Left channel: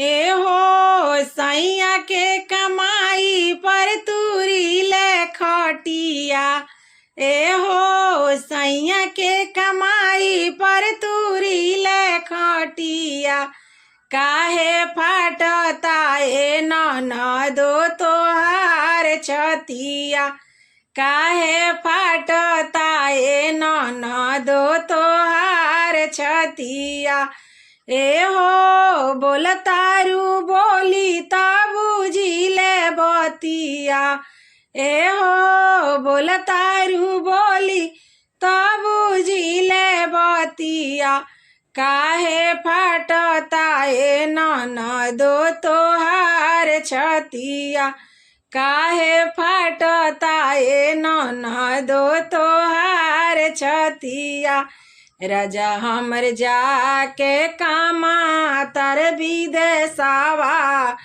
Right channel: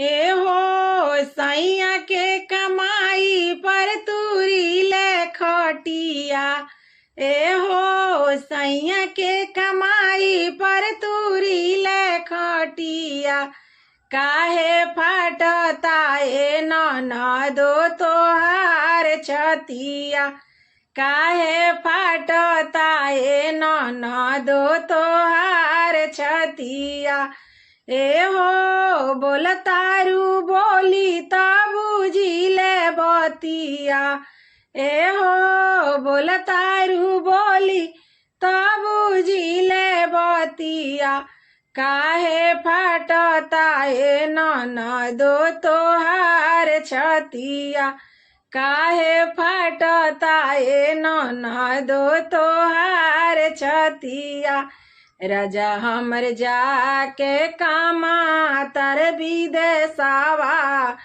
ए हो सैया के कमाई पर तूरी ले खटिया। ए हो सैया के कमाई पर तूरी ले खटिया। काहे फाटता ए ननदो तोहार छतिया। काहे फाटता ए ननदो तोहार छतिया। ए हो बोलतारू बोली ता बुझिले बतिया। ए हो बोलतारू बोली ता बुझिले बतिया। काहे फाटता ए ननदो तोहार छतिया। काहे फाटता ए ननदो तोहार छतिया। राजा हमर जाके कामा तर विदेशवा।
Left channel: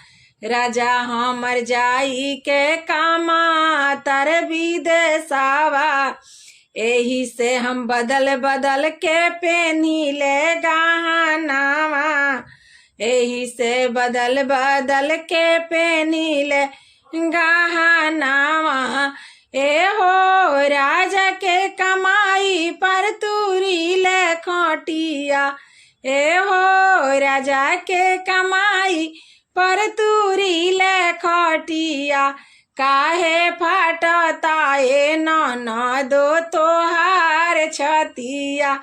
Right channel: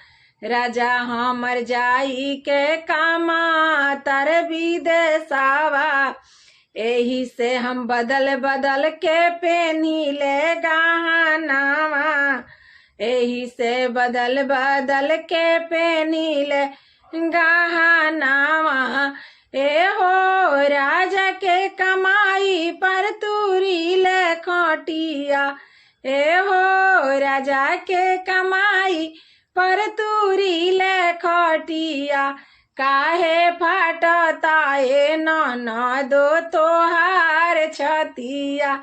राजा हमर जाई के कामा तर विदेशवा। एही से हम बदल बदल के पेनीले गहनावा। एही से बदल बदल के पेनीले गहनावा। ए हो राजा के कमाई पर तूरी ले खटिया। ए हो राजा के कमाई पर तूरी ले खटिया। काहे फाटता ए ननदो तोहार छतिया।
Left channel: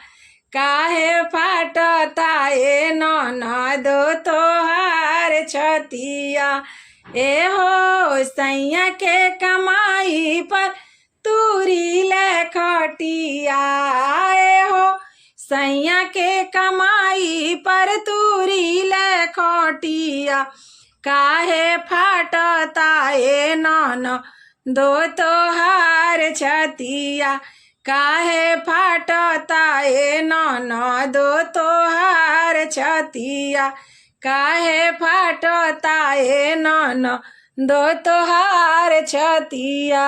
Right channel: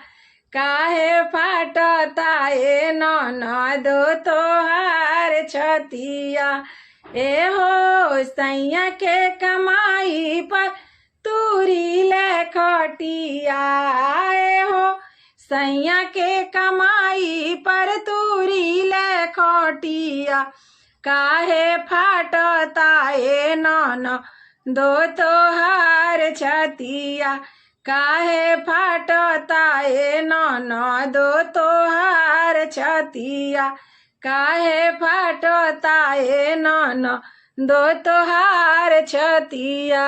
काहे फाटता ए ननदो तोहार छतिया। ए हो सैया के कमाई पर तूरी ले खटिया। ए हो सैया के कमाई पर तूरी ले खटिया। काहे फाटता ए ननदो तोहार छतिया। काहे फाटता ए ननदो तोहार छतिया। काहे फाटता ए ननदो तोहार छतिया।